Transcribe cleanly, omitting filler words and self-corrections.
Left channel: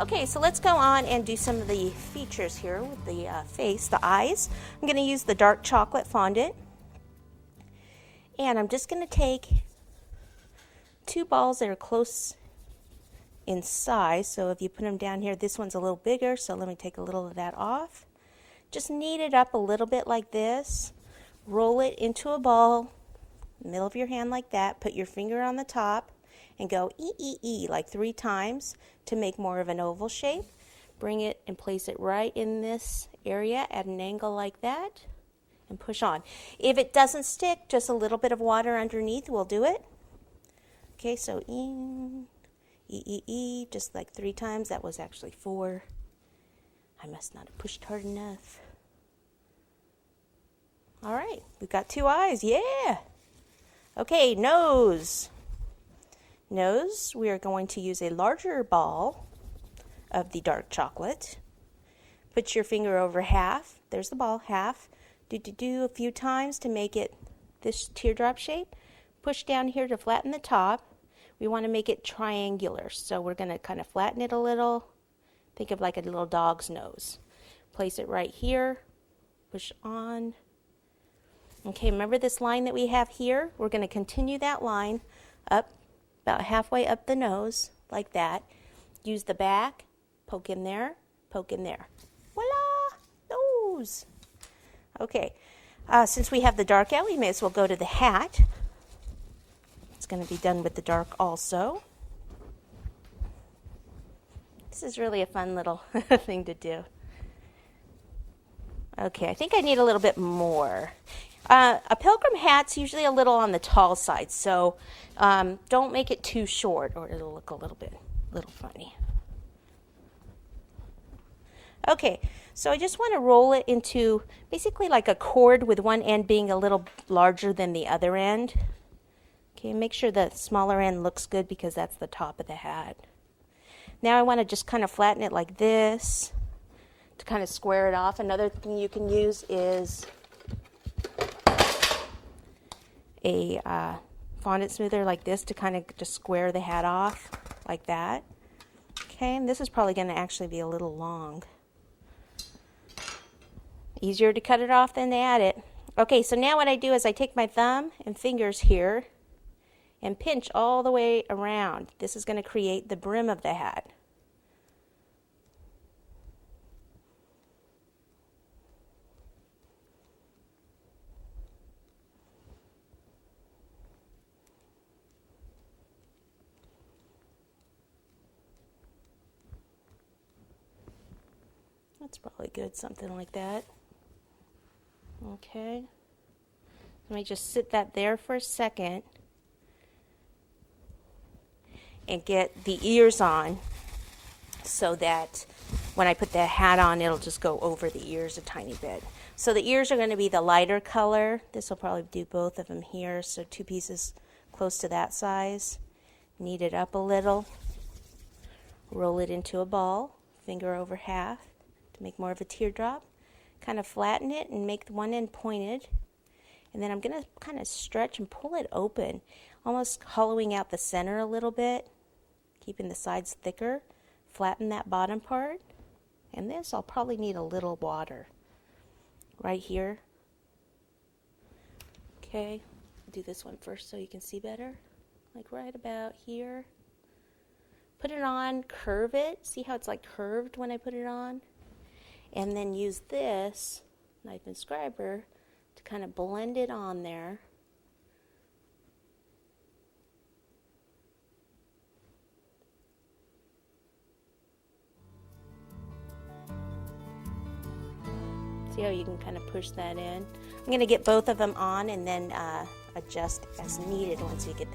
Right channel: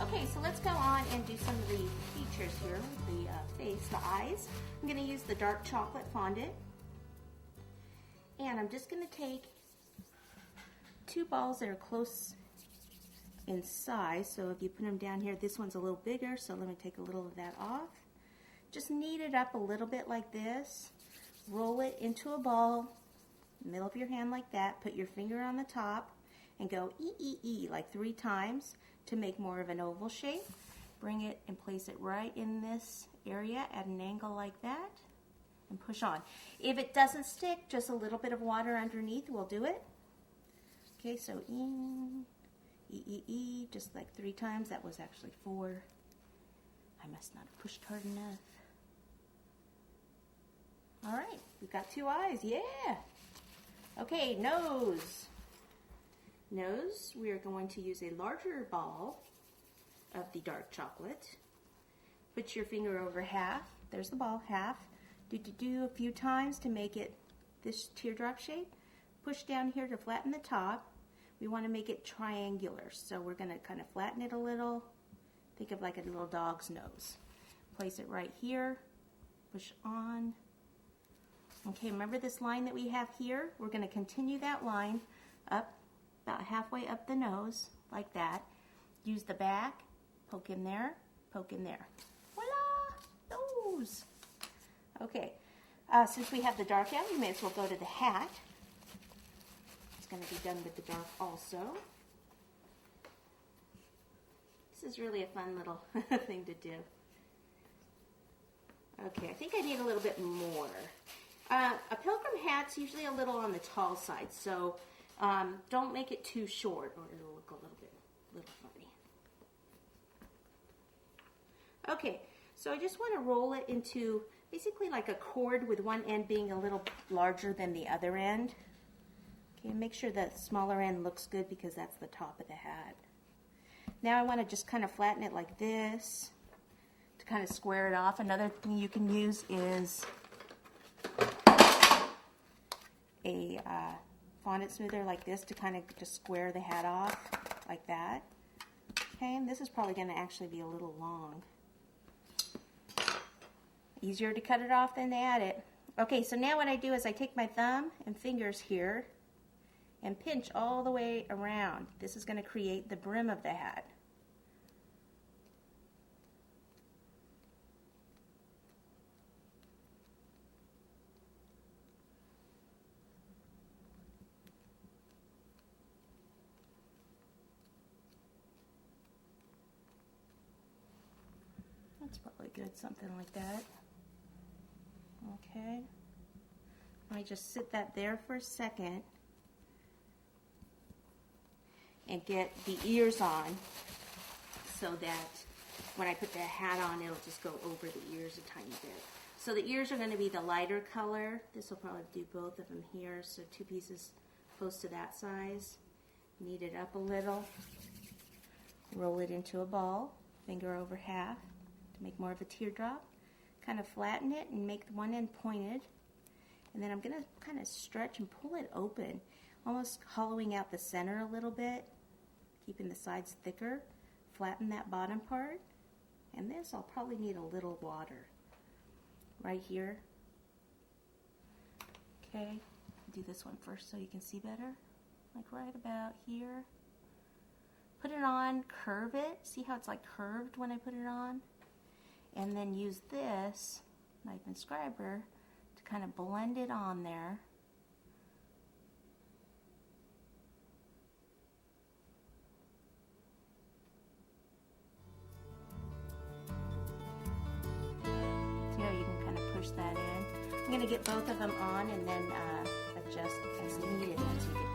Okay, so let's go on and do some of the features here with the face, the eyes. I'm going to use the dark chocolate fondant. And I'm just going to take 2 balls that are close in size. So if you put them down here, this one's a little bigger, so let me take a little of that off. Just knead it up a little bit like this. Roll it into a ball, middle of your hand like that. Put your finger on the top and go E like 3 times to make more of an oval shape. Bring it and place it right in this area at an angle like that and push on. If it doesn't stick, just a little bit of water underneath will do it. Okay, so E, just like 3 times. That was actually 4. I must not have pushed hard enough. All right, we've got 2 eyes, yeah. Okay, nose. Nose, we are going to use a larger ball of the dark chocolate. Put your finger over half. There's the ball, half. Do a few times to make it this teardrop shape. Push down here to flatten the top. We want to make it triangular, so we're going to kind of flatten it a little. Think of like a little dog's nose. Place it right here. Push on. Okay, remember this line that we have here? We're going to continue that line up about halfway up the nose, like that. Use the back, poke in there, poke in there. Voila! Nose! Okay, since we have the dark out, we may as well go to the hat. It's going to be done with the dark also. This is really a fun little thing to do. Okay, I think I need a little bit more. A pilgrim hat's usually a little on the tall side, so don't make it too short or it'll look a little funny. Okay, so I just want to roll it into basically like a cord with one end being a little larger than the other end. Okay, make sure the smaller end looks good because that's the top of the hat. Now I want to just kind of flatten it like this to kind of square it off. Another thing you can use is a fondant smoother like this to kind of just square the hat off like that. Okay, and this is probably going to actually be a little long. Easier to cut it off than to add it. Okay, so now what I do is I take my thumb and fingers here and pinch all the way around. This is going to create the brim of the hat. That's probably good, something like that. Okay. Let me just sit that there for a second and get the ears on so that when I put the hat on, it'll just go over the ears a tiny bit. So the ears are going to be the lighter color. This will probably do both of them here, so 2 pieces close to that size. Knead it up a little. Roll it into a ball, finger over half to make more of a teardrop. Kind of flatten it and make one end pointed. And then I'm going to kind of stretch and pull it open, almost hollowing out the center a little bit, keeping the sides thicker. Flatten that bottom part. And this I'll probably need a little water right here. Okay, I'll do this one first so you can see better. Like right about here. Put it on, curve it. See how it's like curved when I put it on? And then use this knife and scriber to kind of blend it on there. See how you can kind of push that in? I'm going to get both of them on and then adjust as needed once we get